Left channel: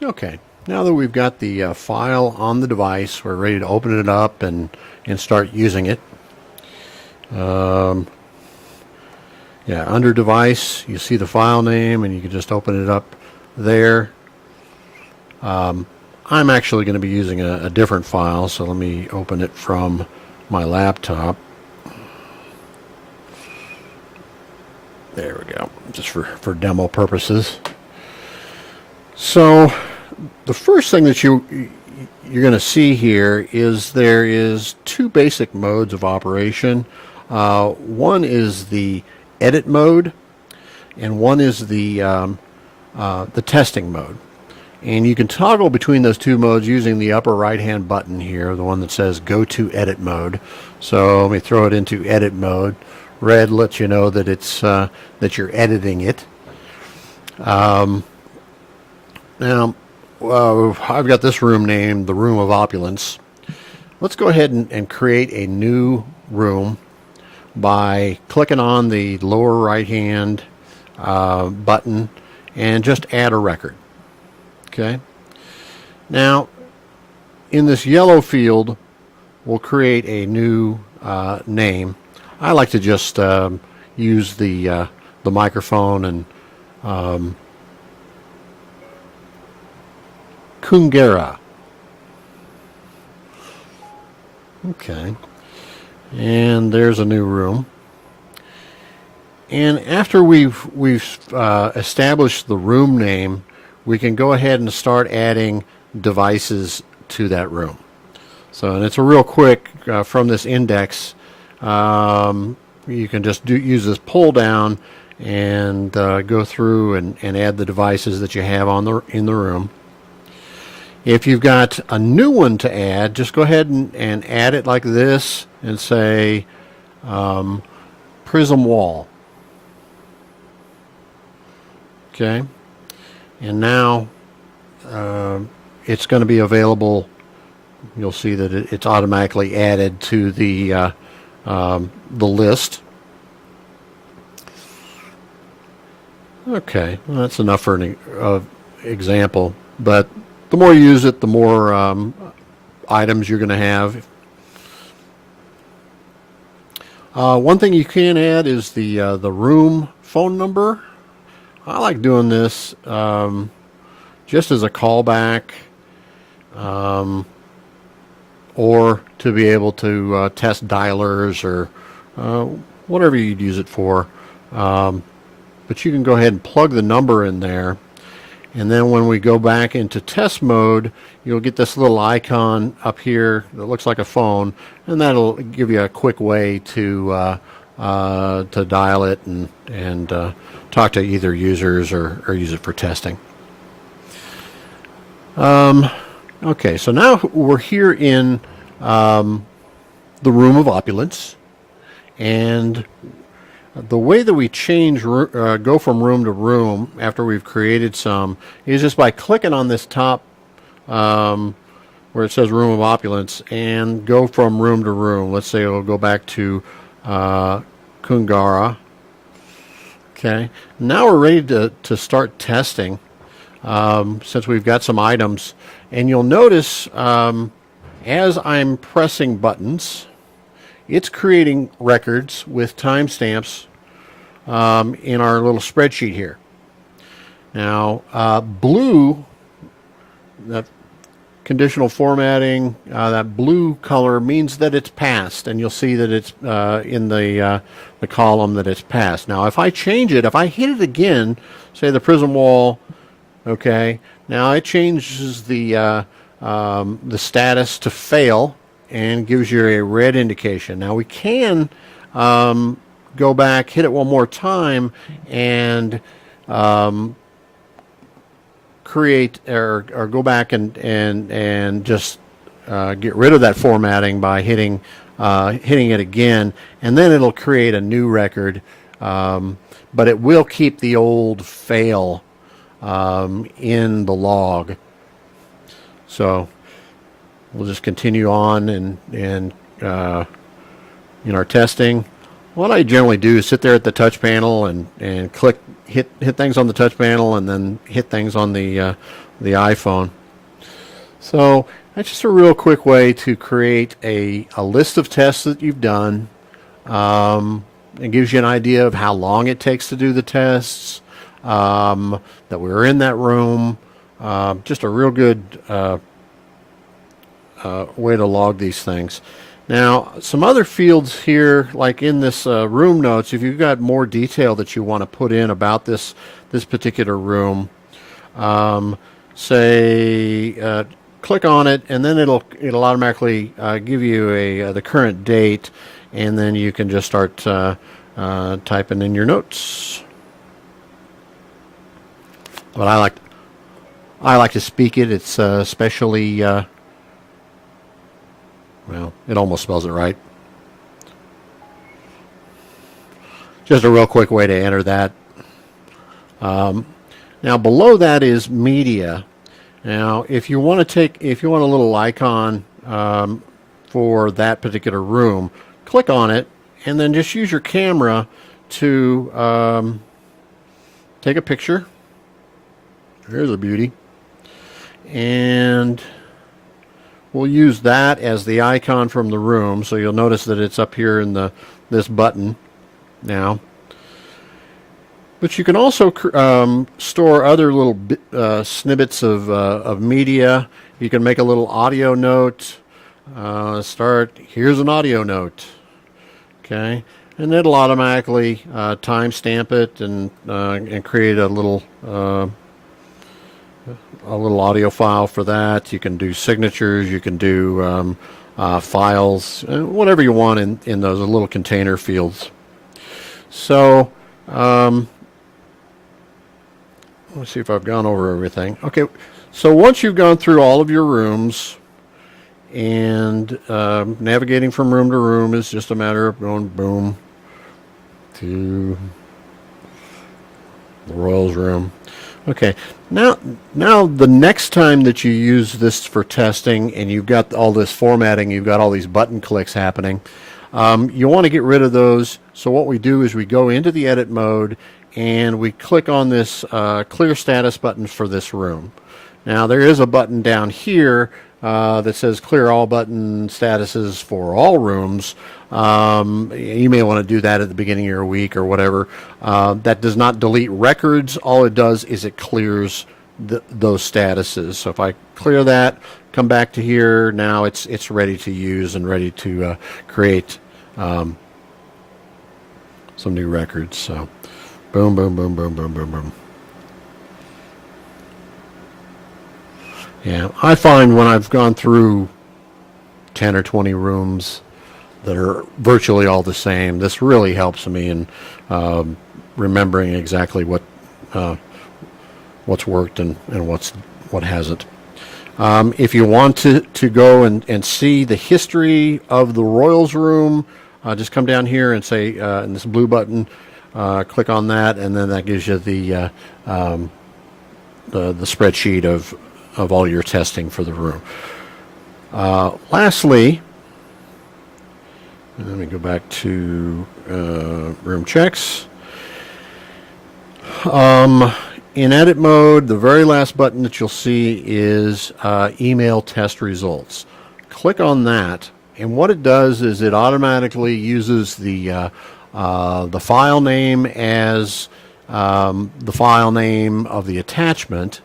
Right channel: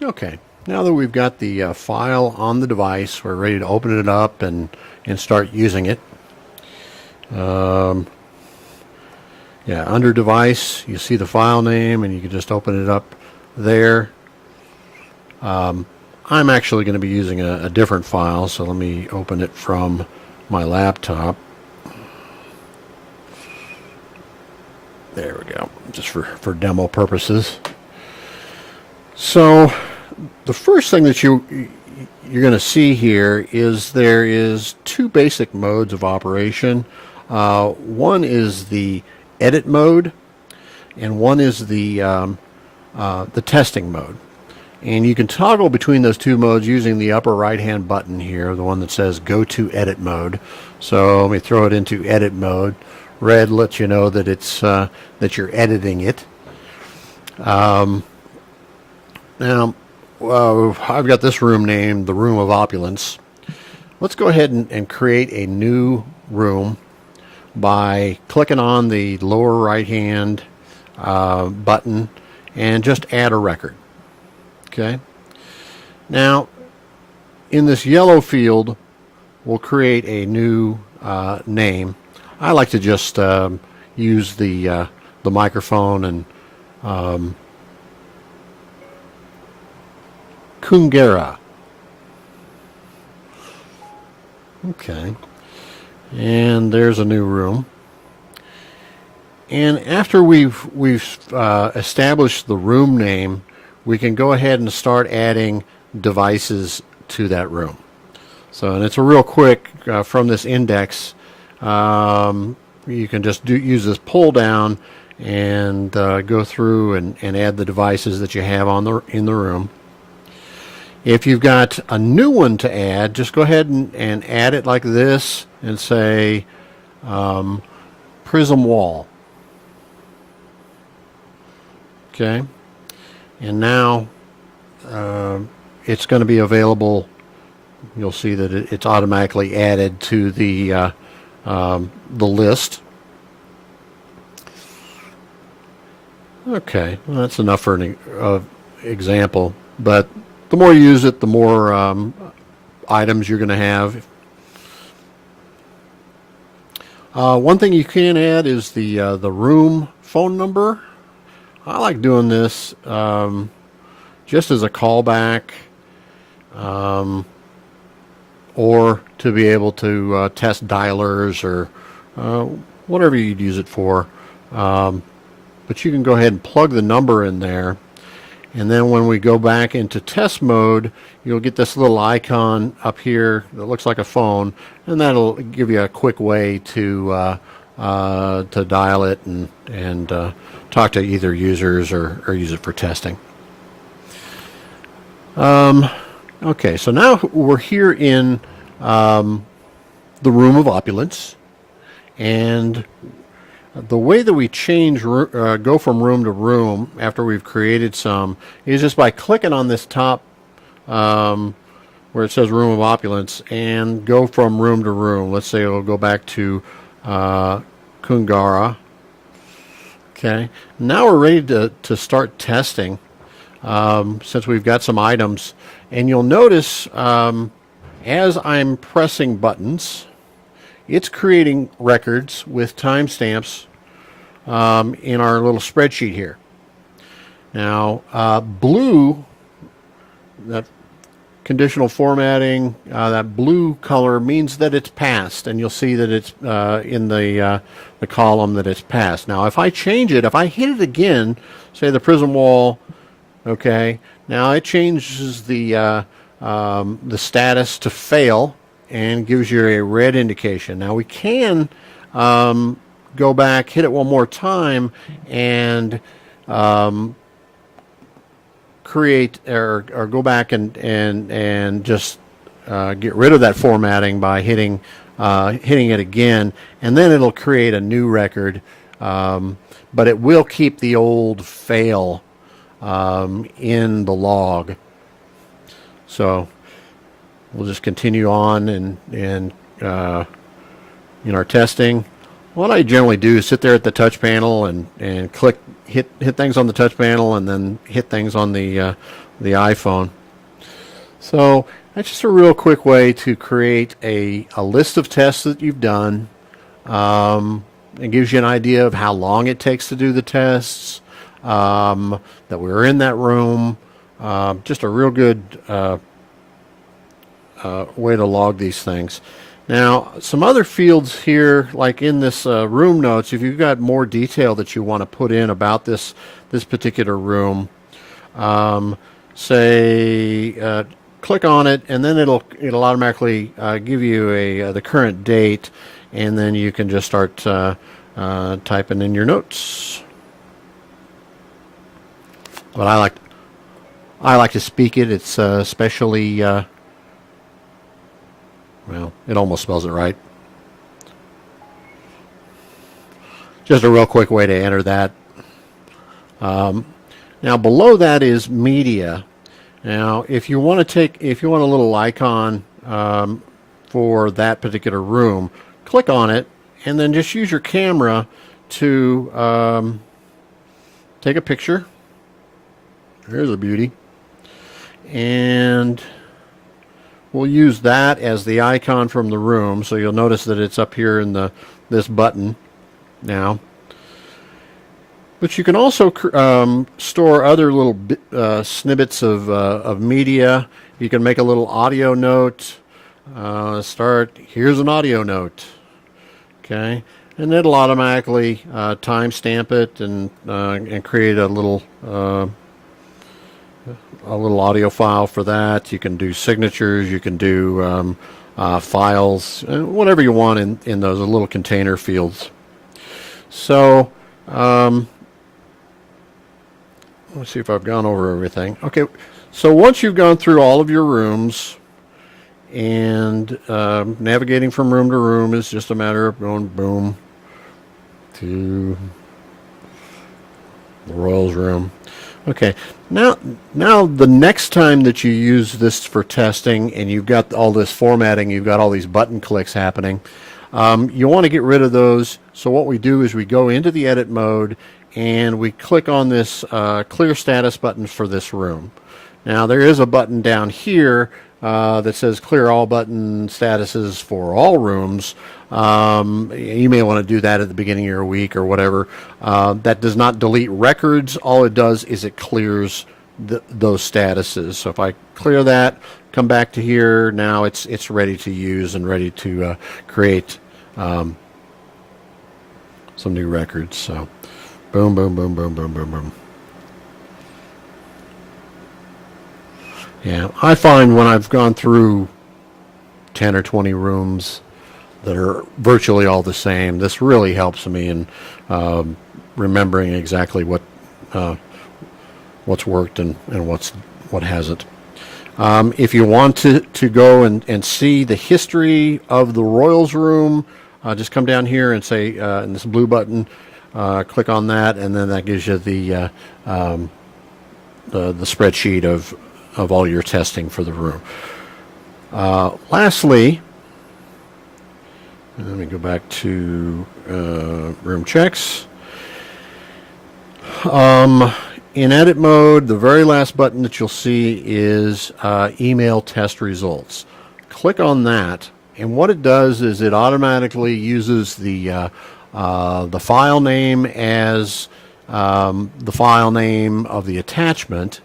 Okay, now that we've got the file on the device, we're ready to open it up and start using it. Yeah, under device, you see the file name and you can just open it up there. I'm actually going to be using a different file, so let me open it from my laptop. There we go, just for demo purposes. So the first thing that you're going to see here is there is two basic modes of operation. One is the edit mode, and one is the testing mode. And you can toggle between those two modes using the upper right hand button here, the one that says go to edit mode. So let me throw it into edit mode. Red lets you know that it's that you're editing it. Now I've got this room named the Room of Opulence. Let's go ahead and create a new room by clicking on the lower right hand button and just add a record. Okay. Now, in this yellow field, we'll create a new name. I like to just use the microphone and Kungera. Okay. And there's a new room. And after we've established the room name, we can go ahead and start adding devices to that room. So, and it's a real quick from this index. You can just use this pull down and go through and add the devices that you have in the room. If you've got a new one to add, just go ahead and add it like this and say prism wall. Okay. And now it's going to be available. You'll see that it's automatically added to the list. Okay, well, that's enough for an example. But the more you use it, the more items you're going to have. One thing you can add is the room phone number. I like doing this just as a callback, or to be able to test dialers or whatever you'd use it for. But you can go ahead and plug the number in there, and then when we go back into test mode, you'll get this little icon up here that looks like a phone, and that'll give you a quick way to dial it and talk to either users or use it for testing. Okay, so now we're here in the Room of Opulence, and the way that we change, go from room to room after we've created some, is just by clicking on this top where it says Room of Opulence and go from room to room. Let's say we'll go back to Kungara. Okay, now we're ready to start testing since we've got some items. And you'll notice as I'm pressing buttons, it's creating records with timestamps in our little spreadsheet here. Now, blue, that conditional formatting, that blue color means that it's passed, and you'll see that it's in the column that it's passed. Now, if I change it, if I hit it again, say the prism wall, okay, now it changes the status to fail and gives you a red indication. Now we can go back, hit it one more time, and create or go back and just get rid of that formatting by hitting it again, and then it'll create a new record, but it will keep the old fail in the log. So we'll just continue on and in our testing. What I generally do is sit there at the touch panel and click hit things on the touch panel and then hit things on the iPhone. So that's just a real quick way to create a list of tests that you've done. It gives you an idea of how long it takes to do the tests, that we were in that room. Just a real good way to log these things. Now, some other fields here, like in this room notes, if you've got more detail that you want to put in about this particular room, say click on it, and then it'll automatically give you the current date, and then you can just start typing in your notes. But I like to speak it. It's especially well, it almost spells it right. Just a real quick way to enter that. Now below that is media. Now, if you want a little icon for that particular room, click on it, and then just use your camera to take a picture. Here's a beauty, and we'll use that as the icon from the room. So you'll notice that it's up here in this button now. But you can also store other little snippets of media. You can make a little audio note. Here's an audio note. Okay, and it'll automatically timestamp it and create a little audio file for that. You can do signatures. You can do files, whatever you want in those little container fields. So. Let's see if I've gone over everything. Okay, so once you've gone through all of your rooms, and navigating from room to room is just a matter of going boom to the Royals room. Okay, now the next time that you use this for testing and you've got all this formatting, you've got all these button clicks happening, you want to get rid of those. So what we do is we go into the edit mode and we click on this clear status button for this room. Now there is a button down here that says clear all button statuses for all rooms. You may want to do that at the beginning of your week or whatever. That does not delete records. All it does is it clears those statuses. So if I clear that, come back to here, now it's ready to use and ready to create some new records. So boom, boom, boom, boom, boom, boom, boom. Yeah, I find when I've gone through 10 or 20 rooms that are virtually all the same, this really helps me in remembering exactly what's worked and what hasn't. If you want to go and see the history of the Royals room, just come down here and say, in this blue button, click on that, and then that gives you the spreadsheet of all your testing for the room. Lastly, let me go back to room checks. In edit mode, the very last button that you'll see is email test results. Click on that, and what it does is it automatically uses the file name as the file name of the attachment,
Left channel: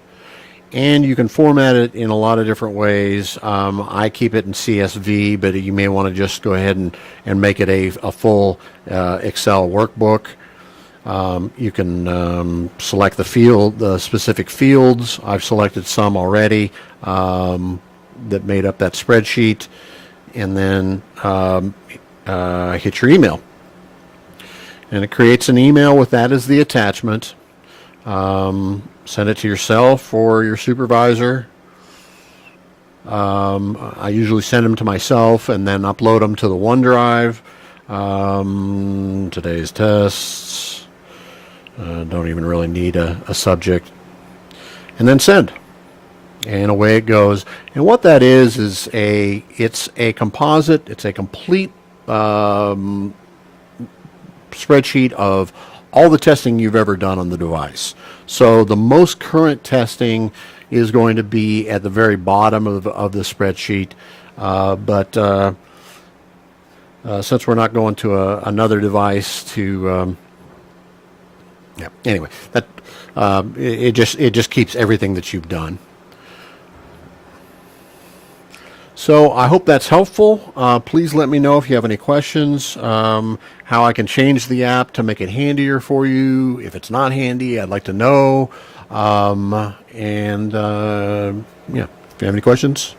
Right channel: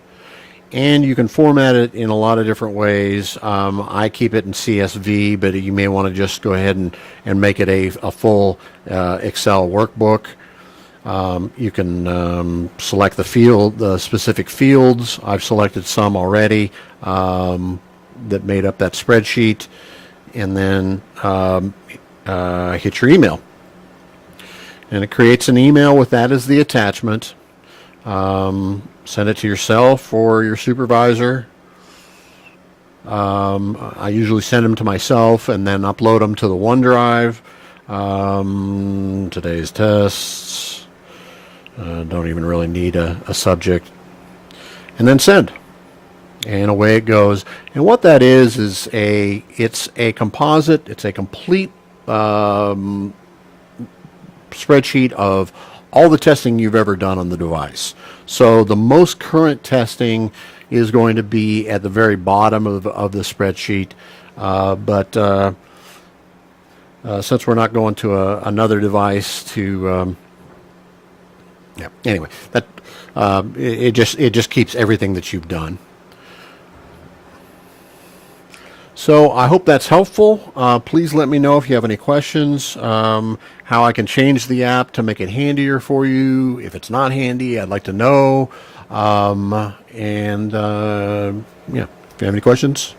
and you can format it in a lot of different ways. I keep it in CSV, but you may want to just go ahead and make it a full Excel workbook. You can select the specific fields. I've selected some already that made up that spreadsheet, and then hit your email. And it creates an email with that as the attachment. Send it to yourself or your supervisor. I usually send them to myself and then upload them to the OneDrive. Today's tests. Don't even really need a subject. And then send. And away it goes. And what that is it's a composite, it's a complete spreadsheet of all the testing you've ever done on the device. So the most current testing is going to be at the very bottom of the spreadsheet. But since we're not going to another device to, yeah. Anyway, that it just keeps everything that you've done. So I hope that's helpful. Please let me know if you have any questions, how I can change the app to make it handier for you. If it's not handy, I'd like to know. Yeah, if you have any questions,